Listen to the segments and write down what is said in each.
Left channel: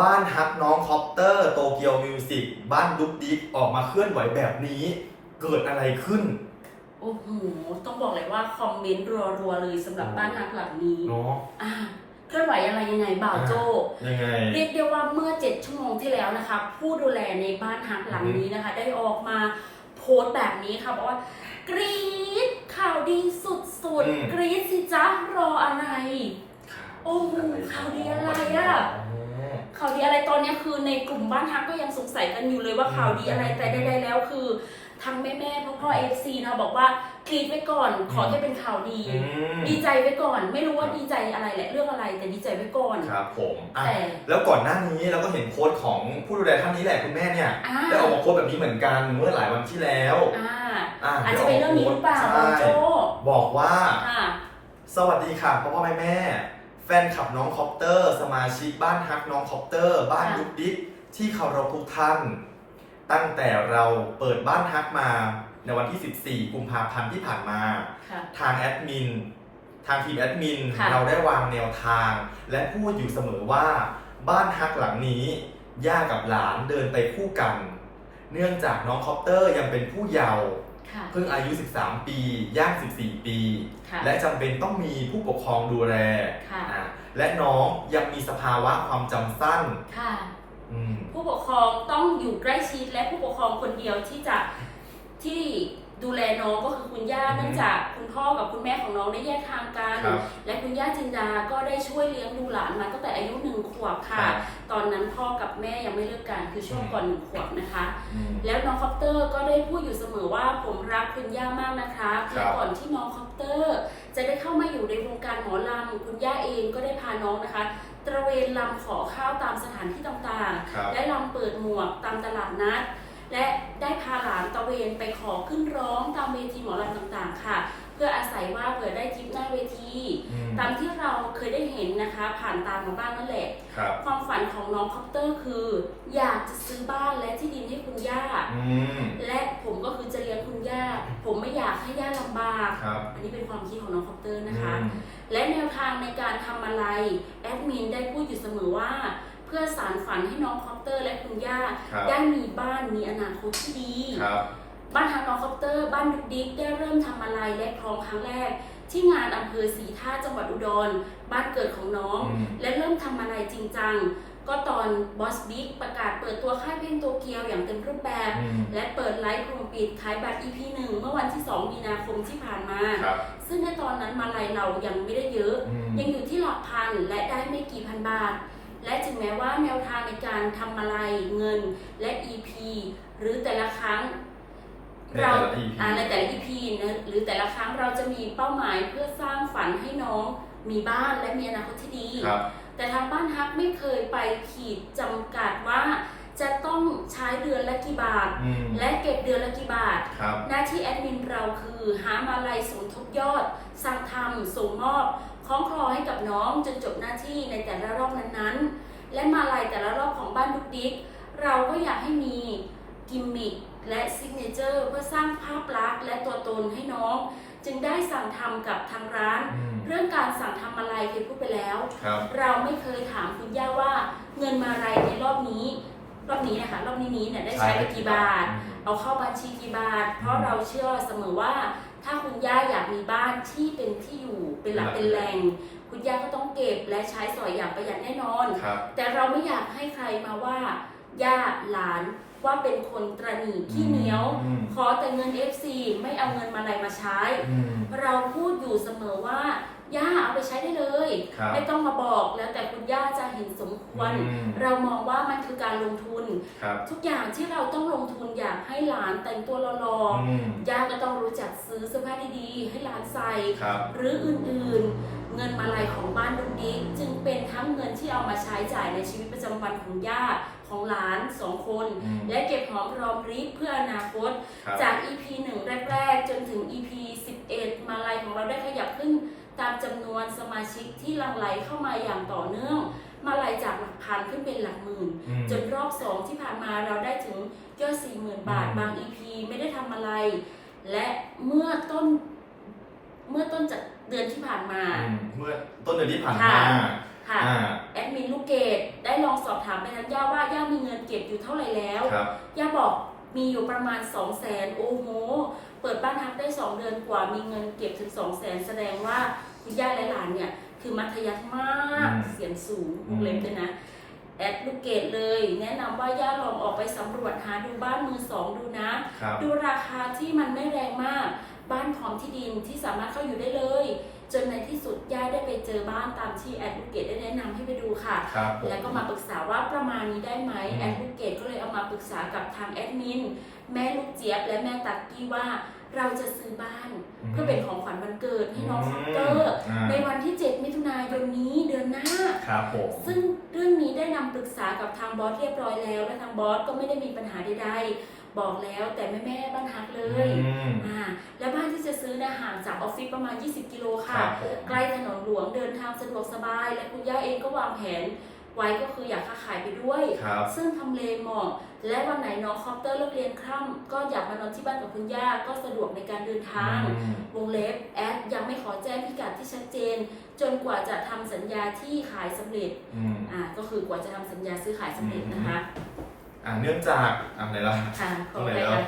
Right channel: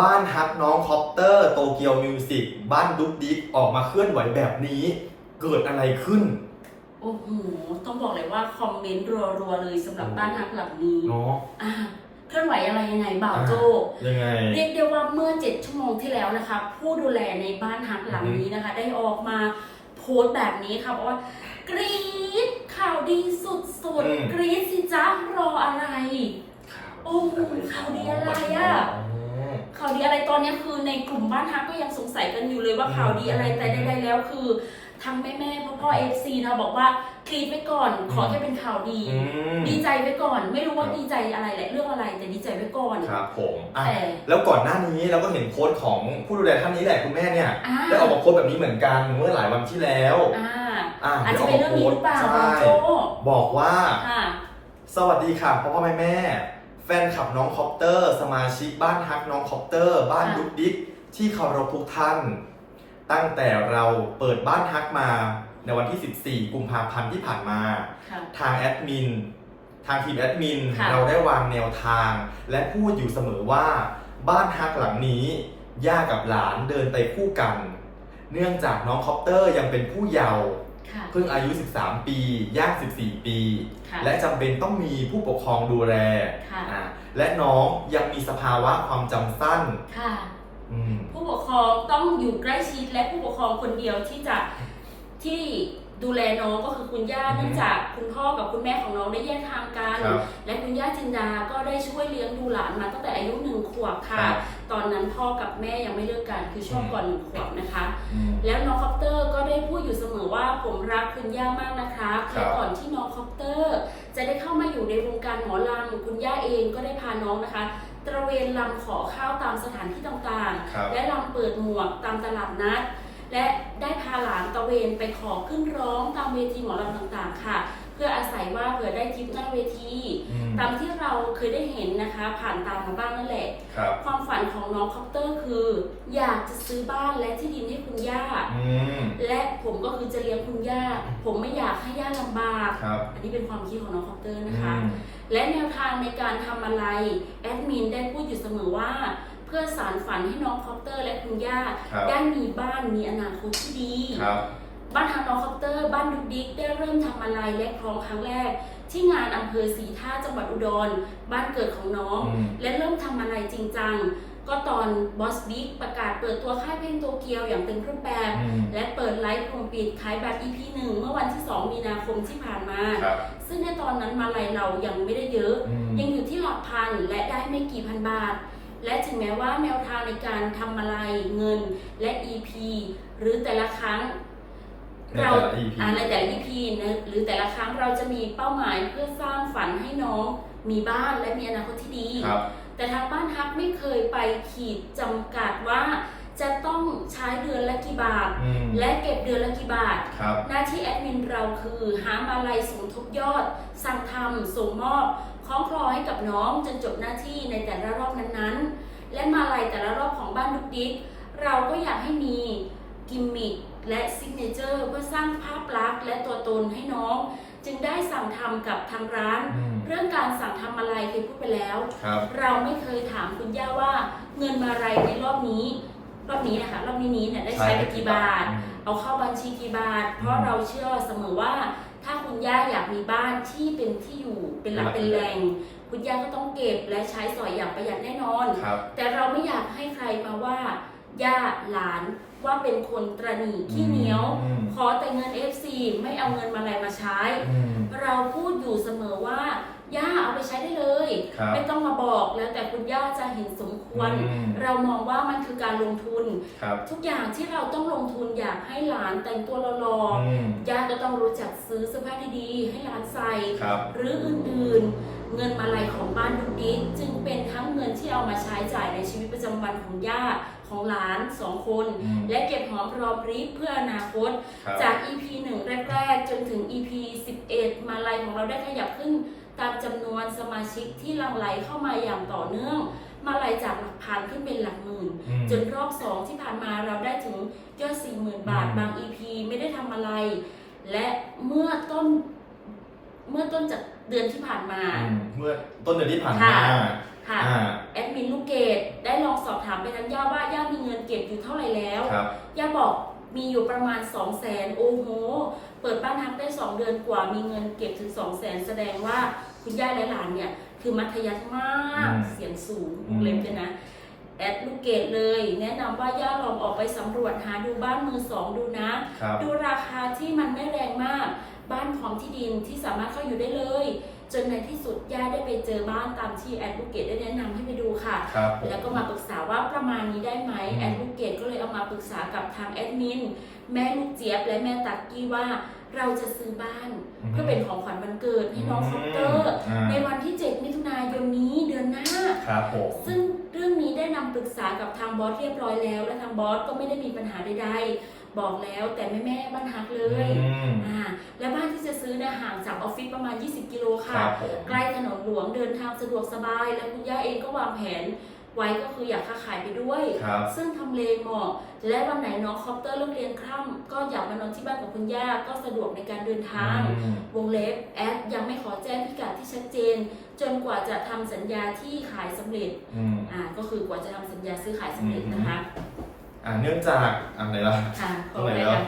บ้านฮักน้องคอปเตอร์โตเกียวมิวสิกบ้านดุ๊กดิ๊กออกมาเคลื่อนไหวแบบนี้ เกิดอะไรขึ้น โอ้โห ต้องบอกเลยว่าคอมเมนต์รัวๆเลยสำหรับบ้านฮักหลังนี้เนาะอ่าเคลื่อนไหวอะไรยังไงบ่าวโจยังไง เรียกได้ว่าเมื่อ 7 ชั่วโมงที่แล้วนะคะ ผู้ดูแลในบ้านฮักหลังนี้นะคะ ได้ออกมาโพสต์แบบนี้ค่ะบอกว่ากรี๊ดข่าวดีสุดอืมๆกรี๊ดสิจ๊ะรออะไร โอ้โหข่าวดีอะไรอะ ข่าวดี อะไรตอนนี้คือในกลุ่มบ้านฮักก็ยังสงสัยกันอยู่เลยว่าอืมข่าวดีอะไรแต่ใดๆแล้วคือทั้งแม่แม่ๆพ่อพ่อเอฟซีนะบอกว่ากรีดไว้ก่อน ขอแค่เป็นข่าวดี อืมดีใจไว้ก่อน ไม่รู้ว่าครับดีใจอะไรแหละเรื่องอะไร แต่ดีใจไว้ก่อน ครับผมอะแต่แล้วก่อนหน้านี้เราก็เห็นโพสต์ของผู้ดูแลท่านนี้แหละคุณแม่เนี่ยอ่าได้ออกมาโพสต์แบบนี้เหมือนกันเมื่อหลายวันที่แล้วอ่าอะอาจจะเป็นเรื่องนี้หรือเปล่าใช่บางโจบอกว่า ค่ะ สวัสดีค่ะพ่อพ่อแม่แม่ แฟนคลับน้องคอปเตอร์ สมาชิกบ้านฮักน้องคอปเตอร์ บ้านค่ะดุ๊กดิ๊กที่เคารพทุกท่าน ตั้งแต่เราเปิดบ้านฮักมาในวันที่ 14 กุมภาพันธ์ที่ผ่านมา ค่ะ ทางแอดมิน ทางทีมแอดมิน ค่ะ เราได้วางแนวทาง และพูดอยู่เสมอว่า บ้านฮักหลังนี้ ย่ากับหลานเดินไปคู่กัน เนื่องจากน้องคอปเตอร์ยังเป็นผู้เยาว์ ค่ะ เพิ่งอายุ 13 ปีย่าง 14 ปี ค่ะและจำเป็นต้องมีผู้ปกครองดูแลค่ะ อะและน้องยังมีสภาวะความจำสั้นค่ะ อืม ผู้ปกครองต้องอยู่ใกล้ชิดและผู้ปกครองคนเดียวที่จะที่ ดูแลน้องก็คือคุณย่าอืมเนื่องจากคุณพ่อกับคุณแม่ของน้องได้แยกทางกัน ครับและคุณย่าจินดาก็ได้ช่วยเลี้ยงดูหลานมาตั้งแต่อายุหนึ่งขวบค่ะ ครับตอนนั้นพ่อกับแม่ยังไม่เลิกกันคือช่วงอืมก่อนหนึ่งขวบนะคะ อืม แล้วน้องคอปเตอร์ก็ได้พูดอยู่เสมอว่าผมรักคุณย่ามากนะครับครับ และก่อนที่น้องคอปเตอร์ จะได้เข้ามาอยู่ในวงการหมอลำคุณย่าเองก็ได้พาน้องนะคะ ตระเวนลำขอข้าวตามสถานที่ต่างๆ ครับ และลำเปิดหมวกตามตลาดนัด และ ได้พาหลานตะเวนไปขอขึ้นร้องตามเวทีหมอลำต่างๆ ค่ะ เพื่ออาศัยว่าเผื่อได้ทิปหน้าเวทีอืมตามที่เราเคยได้เห็นนะคะ ผ่านตามมาบ้างนั่นแหละ ครับ ความฝันของน้องคอปเตอร์คือ อยากจะซื้อบ้านและที่ดินให้คุณย่า อืม และผมก็คือจะเลี้ยงคุณย่า ผมไม่อยากให้ย่าลำบาก ครับอันนี้เป็นความคิดของน้องคอปเตอร์นะคะ อืม และแนวทางในการทำอะไร แอดมินได้พูดอยู่เสมอว่าเพื่อสารฝันให้น้องคอปเตอร์และคุณย่าครับ ได้มีบ้านมีอนาคตที่ดี ครับ บ้านทางน้องคอปเตอร์ บ้านดุกดิกได้เริ่มทำอะไรและพร้อมครั้งแรก ที่งานอำเภอสีท่าจังหวัดอุดร บ้านเกิดของน้อง อืม และเริ่มทำอะไรจริงจัง ก็ตอนบอสบิ๊กประกาศเปิดตัวค่ายเพลงโตเกียวอย่างเต็มรูปแบบ อืมและเปิดไลฟ์กลุ่มปิดขายบัตร EP 1เมื่อวันที่ 2 มีนาคมที่ผ่านมา ครับซึ่งในตอนนั้นมาลัยเรายังไม่ได้เยอะ อืมยังอยู่ที่หลักพันและได้ไม่กี่พันบาท และถึงแม้ว่าแนวทางในการทำอะไรเงินและ EP หรือแต่ละครั้งในแต่ละเรา EP อ่าในแต่ละ EP นะหรือแต่ละครั้งเราจะมีเป้าหมายเพื่อสร้างฝันให้น้องมีบ้านและมีอนาคตที่ดีครับแต่ทางบ้านฮักไม่เคยไปขีดจำกัดว่าจะต้องใช้เดือนละกี่บาทอืมและเก็บเดือนละกี่บาทครับหน้าที่แอดมินเราคือ หามาลัยสมทบยอด สั่งทำส่งมอบ คล้องคลอให้กับน้องจนจบหน้าที่ในแต่ละรอบนั้นๆ และมาลัยแต่ละรอบของบ้านดุกดิกเราก็อยากให้มีกิมมิคและซิกเนเจอร์เพื่อสร้างภาพลักษณ์และตัวตนให้น้อง จึงได้สั่งทำกับทางร้าน อืม เรื่องการสั่งทำมาลัยเคยพูดไปแล้ว ครับ เราไม่เคยถามคุณย่าว่าเงินมาลัยในรอบนี้ รอบนี้นะคะรอบนี้นี้เนี่ยได้ใช้ไปกี่บาท เอาเข้าบัญชีกี่บาท เพราะเราเชื่อเสมอว่า ถ้าคุณย่าอยากมีบ้านที่เป็นที่อยู่เป็นหลักเป็นแหล่งคุณย่าก็ต้องเก็บและใช้สอยอย่างประหยัดแน่นอน ครับ แต่เราไม่อยากให้ใครมาว่าย่าหลานว่าเป็นคนตรณีขี้เหนียว อืม ขอแต่เงิน FC ไม่เอาเงินมาอะไรมาใช้ อืม เราพูดอยู่เสมอว่า ย่าเอาไปใช้ได้เลย ครับไม่ต้องมาบอกแล้วแต่คุณย่าจะเห็นสมควร อืม เรามองว่ามันคือการลงทุน ครับทุกอย่างที่เราต้องลงทุนอยากให้หลานแต่งตัวหล่ออืมๆย่าก็ต้องรู้จักซื้อเสื้อผ้าดีๆ ให้หลานใส่ ครับหรืออื่นๆ เงินมาลัยของบ้านดุกดิกจึงเป็นทั้งเงินที่เอามาใช้จ่ายในชีวิตประจำวันของย่าของหลานสองคน อืมและเก็บหอมรอมริบเพื่ออนาคต ครับ จาก EP 1 แรก ๆ จนถึง EP 11 มาลัยของเราได้ขยับขึ้น ตามจำนวนสมาชิกที่หลังไหลเข้ามาอย่างต่อเนื่อง มาลัยจากหลักพันขึ้นเป็นหลักหมื่น อืม จนรอบ2ที่ผ่านมาเราได้ถึงยอด40,000บาทอืมบาง EP ไม่ได้ทำอะไร และเมื่อต้นเมื่อต้นจากเดือนที่ผ่านมา อืมเมื่อต้นเดือนที่ผ่านค่ะมาค่ะ อ่าแอดมินลูกเกดได้ลองสอบถามไปทางย่าว่าย่ามีเงินเก็บอยู่เท่าไหร่แล้ว ครับ ย่าบอกมีอยู่ประมาณ 2 0 0แสนโอ้โห เปิดบ้านทักได้ 2 เดือนกว่ามีเงินเก็บถึง 2 0 0แสนแสดงว่า คุณย่าและหลานเนี่ย คือมัธยัสถ์มากอืมเสียงสูงอืวมงเล็บด้วยนะ แอดลูกเกดเลย แนะนำว่าย่าลองออกไปสำรวจหาดูบ้านมือสองดูนะ ครับ ดูราคาที่มันไม่แรงมาก บ้านพร้อมที่ดินที่สามารถเข้าอยู่ได้เลย จนในที่สุดย่าได้ไปเจอบ้านตามที่แอดลูกเกดได้แนะนำให้ไปดูค่ะ ครับผม แล้วก็มาปรึกษาว่าประมาณนี้ได้ไหมอืม แอดลูกเกดก็เลยเอามาปรึกษากับทางแอดมินแม่ลูกเจี๊ยบและแม่ตักกี้ว่า เราจะซื้อบ้าน เพื่อเป็นของขวัญวันเกิดให้น้องคอปเตอร์าในวันที่ 7 มิถุนายนนี้เดือนหน้า ครับผมซึ่งเรื่องนี้ได้นำปรึกษากับทางบอสเรียบร้อยแล้ว และทางบอสก็ไม่ได้มีปัญหาใดๆ บอกแล้วแต่แม่แม่ๆบ้านฮักเลยอืมอ่าและบ้านที่จะซื้อเนะห่างจากออฟฟิศประมาณ 20 กิโลคค่ะ รับผม ใกล้ถนนหลวงเดินทางสะดวกสบาย และคุณย่าเองก็วางแผน ไว้ก็คืออยากค้าขายไปด้วย ครับ ซึ่งทำเลเหมาะและวันไหนน้องคอปเตอร์เลิกเรียนค่ำก็อยากมานอนที่บ้านกับคุณย่าก็สะดวกในการเดินทาง อืม วงเล็บแอดยังไม่ขอแจ้งพิกัดที่ชัดเจน จนกว่าจะทำสัญญาที่ขายสำเร็จอืม อ่าก็คือกว่าจะทำสัญญาซื้อขายสำเร็จนะคะอ่าเนื่องจากอะไรล่ะ ค่ะขออะไรคะ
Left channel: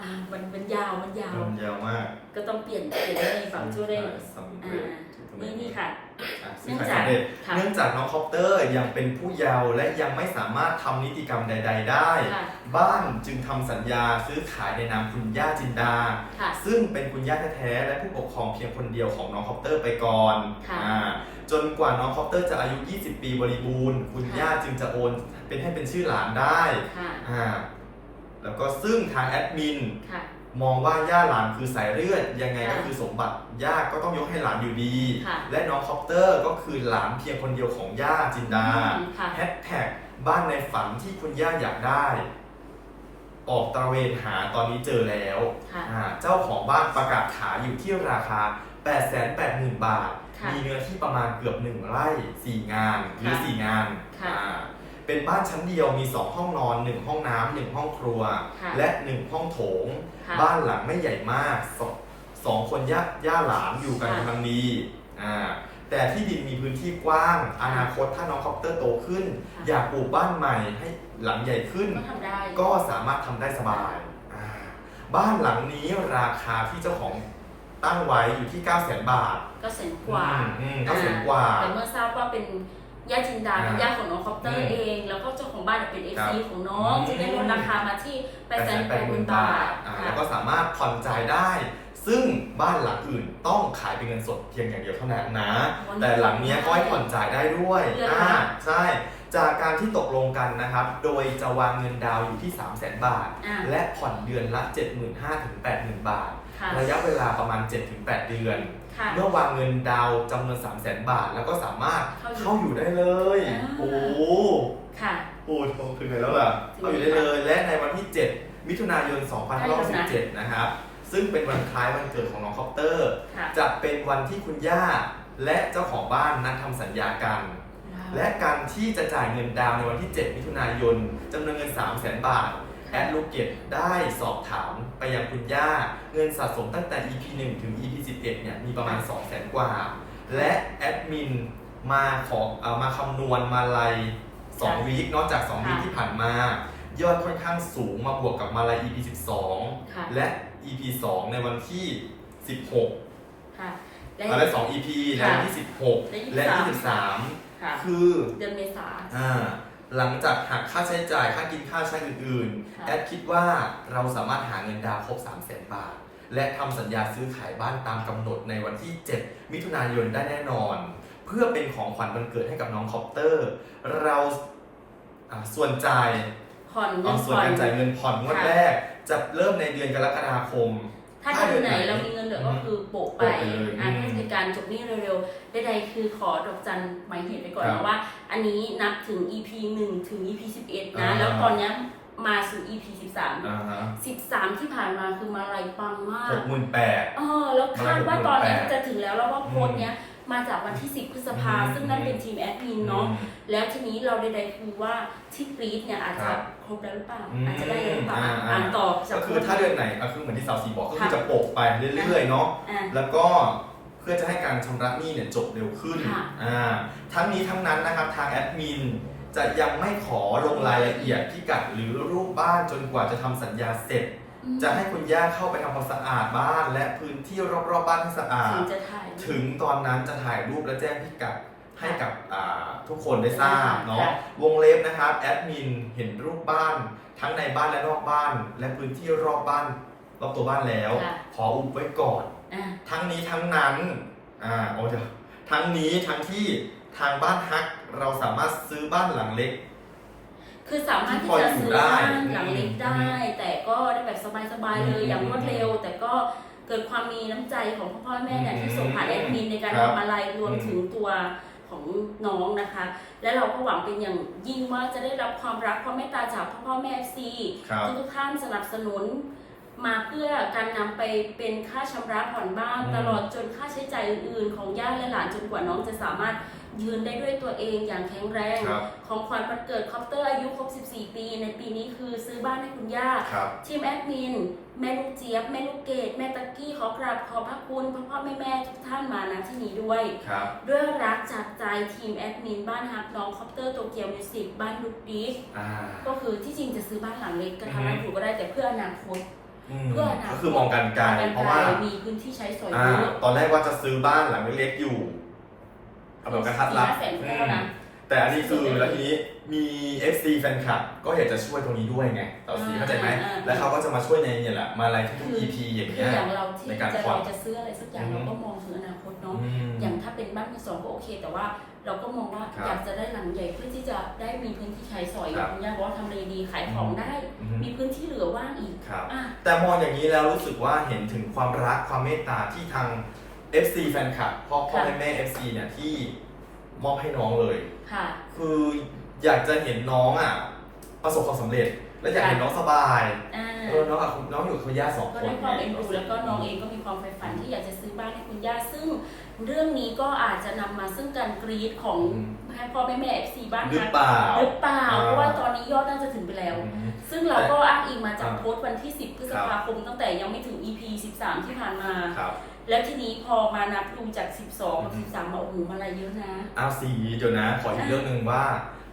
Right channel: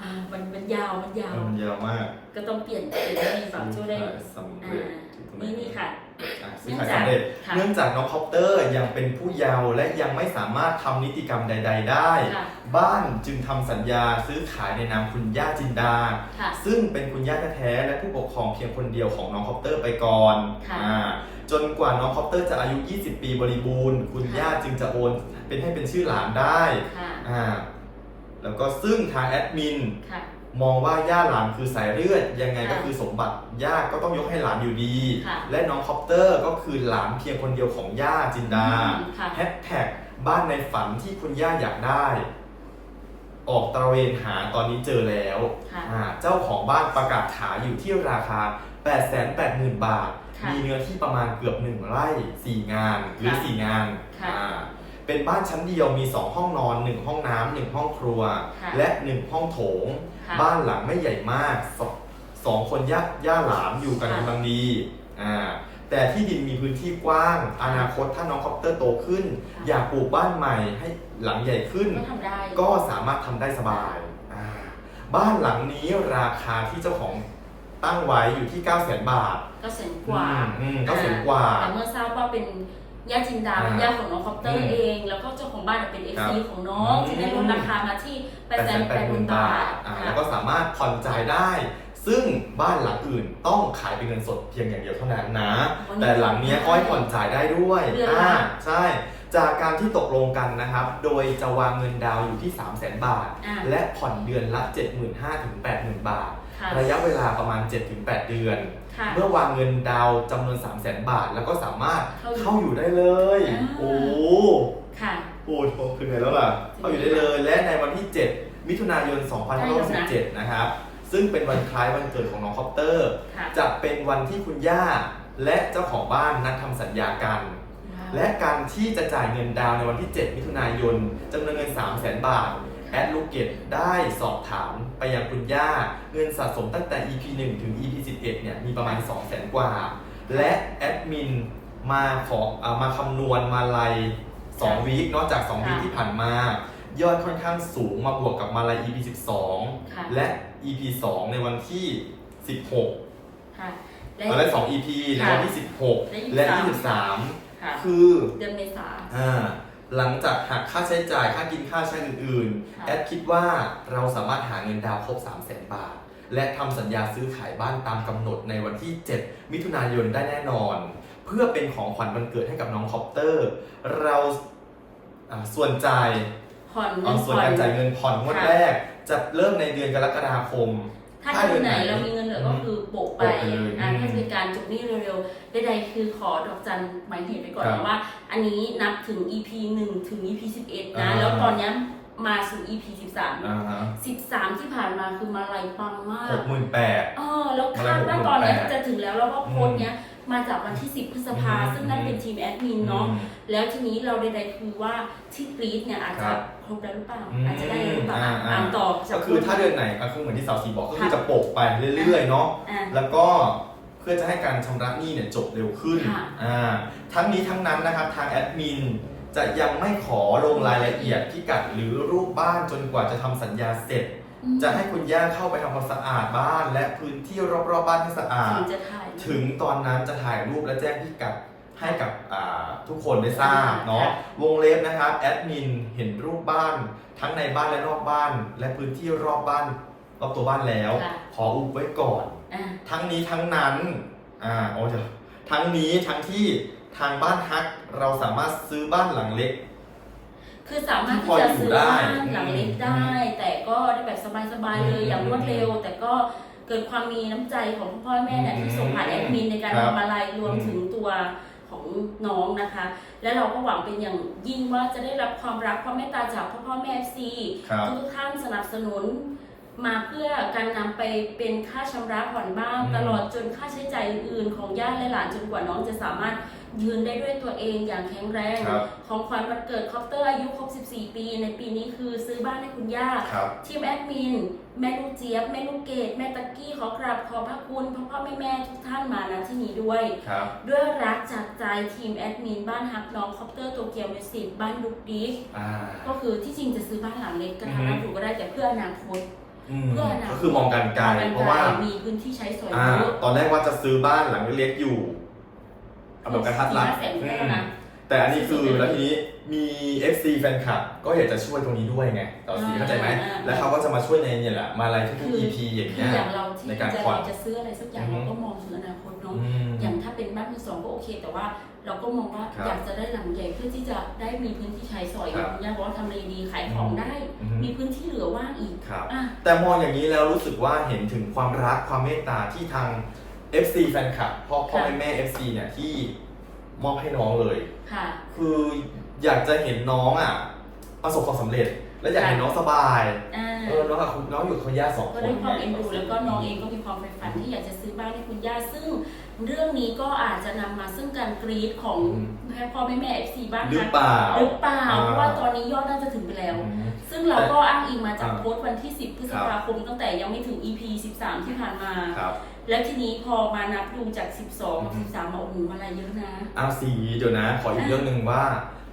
อ่ามันมันยาวมันยาวเออมันยาวมากก็ต้องเปลี่ยนเปลี่ยนให้ฝั่งช่วยได้ สำอ่าเร็จถูกต้องไหมนี่นี่ค่ะอะ เนื่ซื้อองขายจากสำเร็จค่ะเนื่องจากน้องคอปเตอร์ยังเป็นผู้เยาว์และยังไม่สามารถทำนิติกรรมใด ๆ ได้ค่ะบ้านจึงทำสัญญาซื้อขายในนามคุณย่าจินดาค่ะซึ่งเป็นคุณย่าแท้ๆและผู้ปกครองเพียงคนเดียวของน้องคอปเตอร์ไปก่อนค่ะอ่าจนกว่าน้องคอปเตอร์จะอายุ 20 ปีบริบูรณ์ คุณค่ะย่าจึงจะโอนเป็นให้เป็นชื่อหลานได้ค่ะอ่าแล้วก็ซึ่งทางแอดมินค่ะ มองว่าย่าหลานคือสายเลือดยังไงก็ค่ะคือสมบัติย่าก็ต้องยกให้หลานอยู่ดี ค่ะและน้องคอปเตอร์ก็คือหลานเพียงคนเดียวของย่าจินดาอืมค่ะ แฮชแท็กบ้านในฝันที่คุณย่าอยากได้ ออกตระเวนหาตอนนี้เจอแล้วค่ะอ่าเจ้าของบ้านประกาศขายอยู่ที่ราคา 880,000 บาท ค่ะมีเนื้อที่ประมาณเกือบ 1 ไร่ 4 งานหรือ ค่ะ4 งานค่ะ อ่า เป็นบ้านชั้นเดียวมี 2 ห้องนอน 1 ห้องน้ำหนึ่งห้องครัว ค่ะและ 1 ห้องโถง ค่ะบ้านหลังไม่ใหญ่มากสสองคนย่าย่าหลานอยู่กันค่ะ กำลังดีอ่าแต่ที่ดินมีพื้นที่กว้าง อนาคตถ้าน้องคอปเตอร์โตขึ้นค่ะอยากปลูกบ้านใหม่ให้หลังใหญ่ขึ้น ก็ทำได้ ก็สามารถทำได้สบายอ่าบ้านหลังนี้ราคาที่เจ้าของตั้งไว้อยู่ที่ 9 0 0 0 0 0 บาทก็แสนกว่าอืมก็แสนกว่า แต่เมื่อทราบว่าเป็น ญาติจินดาอ่าเป็นญาติของน้องคอปเตออืร์มเอง แล้วก็เจ้าของบ้านเป็นเอฟครับซีของน้องอืมจึงได้ลดราคามาที่8 8 0 0 0 0บาทอ่าค่ะแล้วก็สามารถผ่อนจ่ายได้ ซึ่งบ้านหลังอื่นต้องขายเป็นเงินสดเพียงอย่างเดียวเท่านั้นนะวันนี้แต่หลังเนี้ยก็ให้ผ่อนจ่ายได้ด้วยเดือนละอ่าใช่จากการที่ตกลงกันนะครับ โดยจะวางเงินดาวน์อยู่ที่ 3 0 0 0 0 0 บาทอ่าและผ่อนเดือนละ 75,000 ถึง 80,000 บาทค่ะระยะเวลาประมาณ 7-8 เดือน ค่ะเมื่อวางเงินดาวน์จำนวน 3 0 0 0 0 0 บาท แล้วก็สามารถเข้าอยู่เข้าอยู่ได้เลย อ่า โอ้ค่ะโหคือไงแล้วล่ะ เข้าอยู่ได้เลย และในวันที่ 7 มิถุนายน 2567 นะครับ ซึ่งเป็นวันคล้ายวันเกิดของน้องคอปเตอร์ ค่ะจะเป็นวันที่คุณย่าและเจ้าของบ้านนัดทำสัญญากัน และการที่จะจ่ายเงินดาวน์ในวันที่ 7 มิถุนายนจำนวนเงิน 3 0 0 0 0 0 บาท แอดลูกเกตได้สอบถามไปยังคุณย่า เงินสะสมตั้งแต่ EP 1 ถึง EP 11เนี่ยมีประมาณ 2 0 0 0 0 0 กว่า และแอดมินมาขอเอามาคำนวณมาลัย2วีคนอกจาก 2 วีคค่ะที่ผ่านมา ยอดค่อนข้างสูงมาบวกกับมาลัย EP ค่ะ 12 และ EP 2 ในวันที่ 16ค่ะ และ มาลัย2 EP ในวันที่16และ 23 ค่ะ คือเดือนเมษา อ่า หลังจากหักค่าใช้จ่ายค่ากินค่าใช้อื่นค่ะๆแอดคิดว่าเราสามารถหาเงินดาวน์ครบ 3 0 0 0 0 0 บาท และทำสัญญาซื้อขายบ้านตามกำหนดในวันที่ 7 มิถุนายนได้แน่นอน เพื่อเป็นของขวัญวันเกิดให้กับน้องคอปเตอร์ เราอ่าส่วนจ่าย ผ่อนเงิเอานส่วนผ่อน การจ่ายเงินผ่อนงวดค่ะ แรก จะเริ่มในเดือนกรกฎาคม ถ้าเดือนไหนเรามีเงินเหลือก็คือโปะไปโปะไปเลยอ่าอืมเพื่อเป็นการจบหนี้เร็วๆใดๆคือขอดอกจันหมายเหตุไปก่อนครับนะว่า อันนี้นับถึง EP 1 ถึง EP 11 นะอ่าแล้วตอนเนี้ยมาสู่ EP อ่าฮะ13 13 ที่ผ่านมาคือมาลายปังมากหกหมื่นแปดเออแล้วคาดว่าตอนเนี้ยมาลัย68,000จะถึงแล้วแล้วว่าโพสต์เนี้ย มาจากวันที่ 10 พฤษภา อืมซึ่งนั่นเป็นทีมแอดมินเนาะ แล้วทีนี้เราใดๆคือว่าที่กรีดเนี่ยอาจครัจะบครบแล้วหรือเปล่า อืมอาจจะได้แล้วหรือเปล่าอะอ่า อ่านต่อก็คือถ้าเดือนไหนก็คือเหมือนที่สาวสีบอกก็คือค่ะจะโปะไปเรื่อยๆเนาะ อะแล้วก็เพื่อจะให้การชำระหนี้เนี่ยจบเร็วขึ้นค่ะ อ่าทั้งนี้ทั้งนั้นนะครับทางแอดมินจะยังไม่ขอลงรายละเอียดพิกัดหรือรูปบ้านจนกว่าจะทำสัญญาเสร็จอืม จะให้คุณย่าเข้าไปทำความสะอาดบ้าน และพื้นที่รอบๆบ้านให้สะอาด ถึงจะถ่าย ถึงตอนนั้นจะถ่ายรูปและแจ้งพิกัดให้กับอ่าทุกคนได้ทราบเนาะค่ะวงเล็บนะครับแอดมินเห็นรูปบ้าน ทั้งในบ้านและนอกบ้าน และพื้นที่รอบบ้านรอบตัวบ้านแล้วค่ะขออุบไว้ก่อนอ่าทั้งนี้ทั้งนั้นอ่าโอ้เดี๋ยวทั้งนี้ทั้งที่ทางบ้านฮักเราสามารถซื้อบ้านหลังเล็ก คือสามารถที่ที่พอจะอยู่ซื้อได้บ้านหลังเล็กอืมได้ แต่ก็ได้แบบสบายๆเลยอืมอย่างรวดเร็ว แต่ก็เกิดความมีน้ำใจของพ่อพ่อแม่เนี่ยอืมที่ส่งผ่านแอดมินในการครับทำอะไรรวมอืมถึงตัวของน้องนะคะ และเราก็หวังเป็นอย่างยิ่งว่าจะได้รับความรักความเมตตาจากพ่อพ่อแม่ซีครับทุกๆท่านสนับสนุน มาเพื่อการนำไปเป็นค่าชำระผ่อนบ้านอืมตลอดจนค่าใช้จ่ายอื่นๆ ของญาติและหลานจนกว่าน้องจะสามารถยืนได้ด้วยตัวเองอย่างแข็งแรงครับของขวัญวันเกิดคอปเตอร์อายุครบ 14 ปี ในปีนี้คือซื้อบ้านให้คุณย่าครับทีมแอดมิน แม่ลูกเจี๊ยบ แม่ลูกเกดแม่ตะกี้ขอกราบขอบพระคุณพ่อพ่อแม่แม่ทุกท่านมาณที่นี้ด้วยครับด้วยรักจากใจทีมแอดมินบ้านฮักน้องคอปเตอร์โตเกียวมิวสิกบ้านลูกดิสอ่าก็คือที่จริงจะซื้อบ้านหลังเล็กกระทันอืรัอดฮึอยู่ก็ได้แต่เพื่ออนาคตอืม เพื่ออนาคตก็คือมองกันไกลมองเพราะว่า มีพื้นที่ใช้สอยอ่า เยอะตอนแรกว่าจะซื้อบ้านหลังเล็กๆอยู่เอาแบบกระทัดรัด สี่ห้าแสนก็แล้วนะ อืม แต่อันนี้คือแล้วทีนี้มี FC แฟนคลับก็อยากจะช่วยตรงนี้ด้วยไงต่อสีอ่าเข้าใจไหมอ่า แล้วเขาก็จะมาช่วยในเนี่ยแหละมาอะไรทุกคือๆ EP อย่างคือเงี้ย อย่างเราที่ในการจะผ่อนจะซื้ออะไรสักอย่างอืมเราก็มองถึงอนาคตเนาะ อืม อย่างถ้าเป็นบ้านมือสองก็โอเค แต่ว่าเราก็มองว่าครับอยากจะได้หลังใหญ่เพื่อที่จะได้มีพื้นที่ใช้สอยอครัย่าบงย่าบอกว่าทำเลดีขายของได้ อืมมีพื้นที่เหลือว่างอีกครับ อะ แต่มองอย่างนี้แล้วรู้สึกว่าเห็นถึงความรักความเมตตาที่ทาง FC แฟนคลับพ่อพ่อค่ะแม่แม่ FC เนี่ยที่ มอบให้น้องเลย ค่ะ คืออยากจะเห็นน้องอะ ประสบความสำเร็จ และอยากเห็นน้องสบายอ่าเออน้องกับน้องอยู่กับเขาย่าสองคก็น ด้วยความเอ็นดูแล้วก็น้องเองก็มีความใฝ่ฝันที่อยากจะซื้อบ้านให้คุณย่าซึ่งเรื่องนี้ก็อาจจะนำมาซึ่งการกรีดของพ่อแม่แม่เอฟซีบ้านหรือฮักเปล่า หรือเปล่าอ่า เพราะว่าตอนนี้ยอดน่าจะถึงไปแล้ว อืม ซึ่งเราก็อ้างอิงมาจากอ่าโพสต์วันที่ 10 พฤษภาคมตั้งแต่ยังไม่ถึง EP 13 ที่ผ่านมา ครับ แล้วทีนี้พอมานับดูจาก 12กับอืม13มาโอ้โหมาอะไรเยอะนะ เอาสีเดี๋ยวนะ ขออีกเรื่องหนึ่งว่า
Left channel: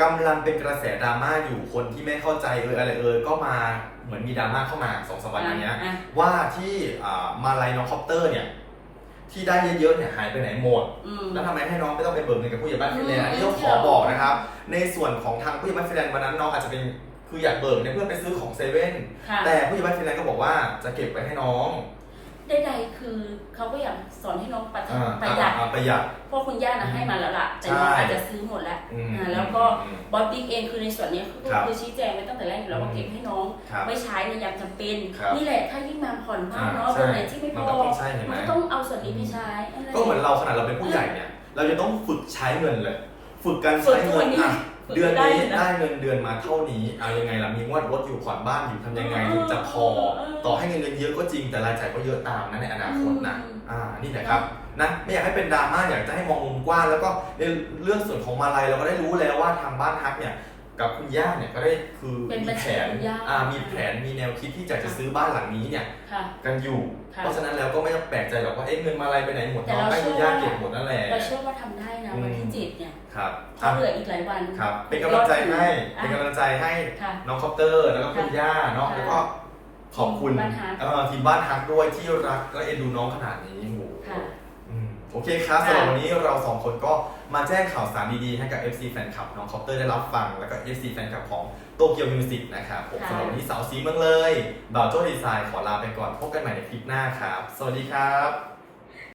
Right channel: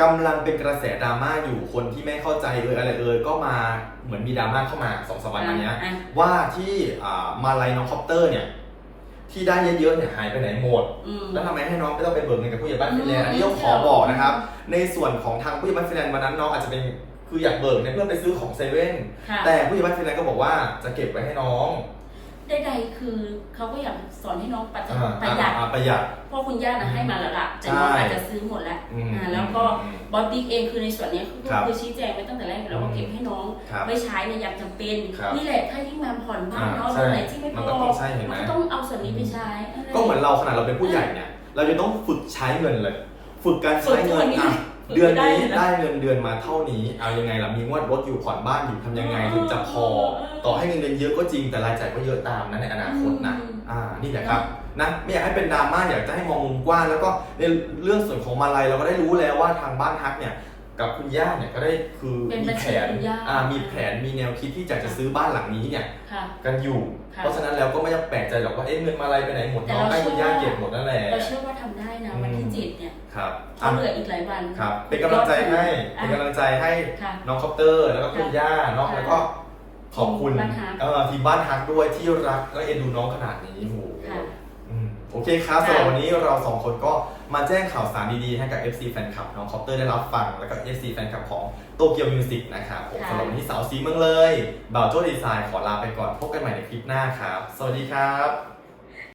กำลังเป็นกระแสดราม่าอยู่คนที่ไม่เข้าใจเอออะไรเออก็มาเหมือนมีดราม่าเข้ามาสองสามวันมาเนี้ยอะ ว่าที่อ่ามาลายน้องคอปเตอร์เนี่ย ที่ได้เยอะๆเนี่ยหายไปไหนหมด อืม แล้วทำไมให้น้องไม่ต้องไปเบิกเงินกับผู้ใหญ่บ้านฟินแลนด์อืมอันนี้ต้องขอบอกนะครับ ในส่วนของทางผู้ใหญ่บ้านฟินแลนด์วันนั้นน้องอาจจะเป็นคืออยากเบิกเนี่ยเพื่อไปซื้อของเซเว่นค่ะ แต่ผู้ใหญ่บ้านฟินแลนด์ก็บอกว่าจะเก็บไว้ให้น้อง ใดๆคือเขาก็อยากสอนให้น้องประหยัดอ่าประหยัดอ่าประหยัด เพราะคุณย่านะให้มาแล้วล่ะแต่น้องใช่อาจจะซื้อหมดแล้วอืมอ่าแล้วก็อืมบอสบิ๊กเองคือในส่วนเนี้ยคือครับคือชี้แจงไว้ตั้งแต่แรกอยู่แล้วว่าอืมเก็บให้น้องครับไม่ใช้ในยามจำเป็น ครับนี่แหละถ้ายิ่งมาผ่อนบ้านเนาะอ่าใช่เบอร์ไหนที่ไม่พมันอก็ต้องใช่เห็นไหม มันก็ต้องเอาส่วนนี้ไปใช้อะไรก็เหมือนเราขนาดเราเป็นผู้ใหญ่เนี่ย เราจะต้องฝึกใช้เงินเลย ฝึกการฝึใช้กทุเงิกวันนนี้อะฝึก เดือนได้นี้เลยนะได้เงินเดือนมาเท่านี้ เอายังไงล่ะมีงวดรถอยู่ผ่อนบ้านอยู่ทำยังไงถึงจะพอ ต่อให้เงินเดือนเยอะก็จริงแต่รายจ่ายก็เยอะตามนะในอนาคตนะอืมอ่านี่แหละครับนะไม่อยากให้เป็นดราม่าอยากจะให้มองมุมกว้างแล้วก็ในเรื่องส่วนของมาลัยเราก็ได้รู้แล้วว่าทางบ้านฮักเนี่ย กับคุณย่าเนี่ยก็ได้คือเป็นมีบัญแผชีนคุณย่า อ่ามีแผนมีแนวคิดที่อยากจะซื้อบ้านหลังนี้เนี่ยค่ะ กันอยู่ ค่ะ เพราะฉะนั้นแล้วก็ไม่ต้องแปลกใจหรอกว่าเอ๊ะเงินมาลัยไปไหนหมดแต่น้องเรา ให้คุณย่าเชื่อว่าเก็บหมดนั่นแหละ เราเชื่อว่าทำได้นะ อืม วันที่เจ็ดเนี่ยครับเขาเหลืออีกหลายวันครับ เป็นกำลังใจให้อะเป็นกำลังใจให้ ค่ะ น้องคอปเตอร์แล้วก็คุณย่าเนาะค่ะแล้วก็ขอบคุณบ้านฮักเอ่อทีมบ้านฮักด้วยที่รักและเอ็นดูน้องขนาดนี้โอ้โหค่ะอืมโอเคครับค่ะสำหรับวันนี้เราสองคนก็ มาแจ้งข่าวสารดีๆ ให้กับ FC แฟนคลับน้องคอปเตอร์ได้รับฟัง แล้วก็ FC แฟนคลับของโตเกียวมิวสิกนะครับผมค่ะสำหรับวันนี้สาวสีเมืองเลยบ่าวโจ้ดีไซน์ขอลาไปก่อนพบกันใหม่ในคลิปหน้าครับ สวัสดีครับ